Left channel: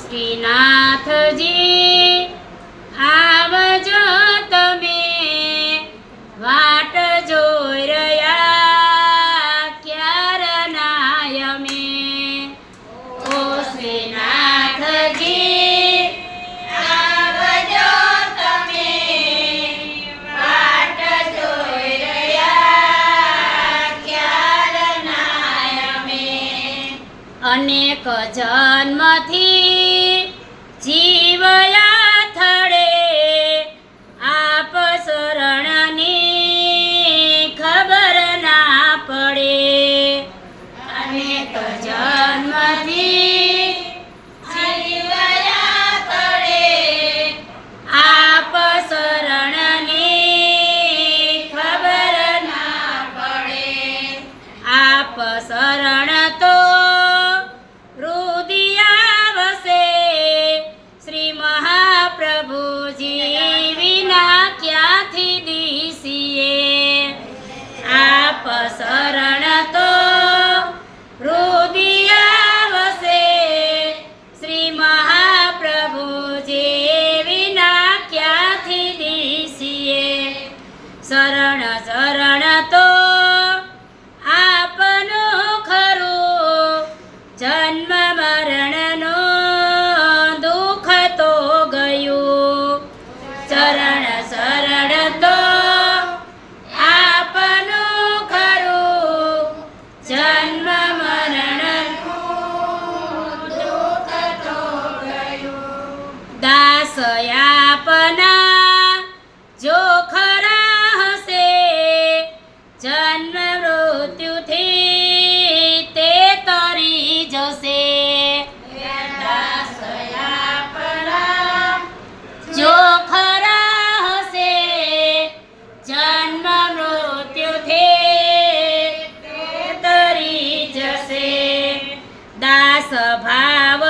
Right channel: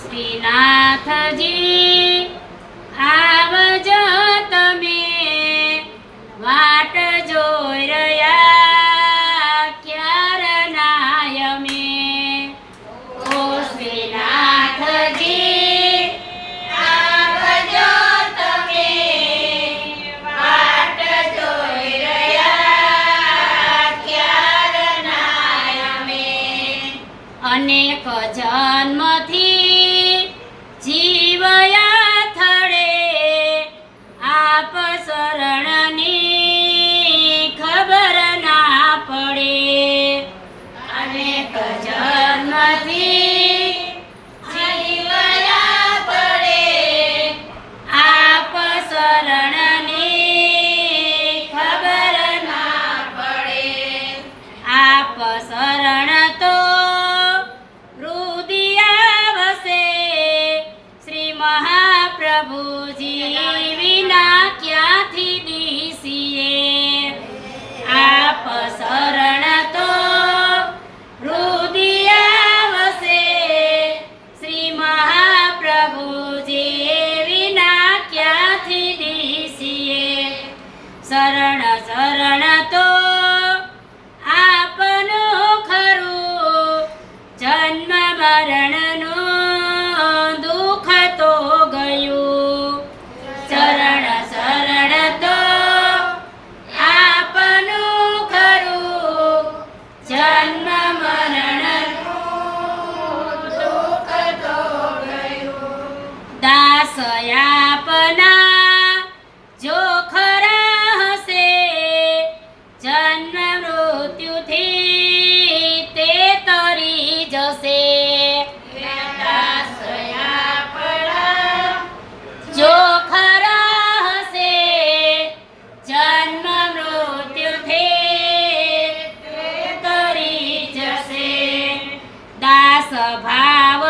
શ્રીનાથજી આવજો તમે, વાટ જોઈ રહ્યા ક્યારના અમે. ઓ શ્રીનાથજી આવજો તમે, વાટ જોઈ રહ્યા ક્યારના અમે. અનેક જન્મથી જીવયા થડે, આપ શરણની ખબર ના પડે. અનેક જન્મથી જીવયા પડે, આપ શરણની ખબર ના પડે. આપ શરણ તો મહાપ્રભુજી વિના ક્યાંથી દીસીએ. આપ શરણ તો હૃદયાવસે, શ્રી મહાપ્રભુજી વિના ક્યાંથી દીસીએ. શરણ શરણ તો આપનું ખરું, જન્મ મરણનો શરણ શરણ તો આપનું ખરું, જન્મ મરણનું દુઃખ તો ગયું. દાસ આપના જો ખરા હશે, જન્મ મૃત્યુથી તે તરી જશે. દાસ આપના જો દાસ ભાવ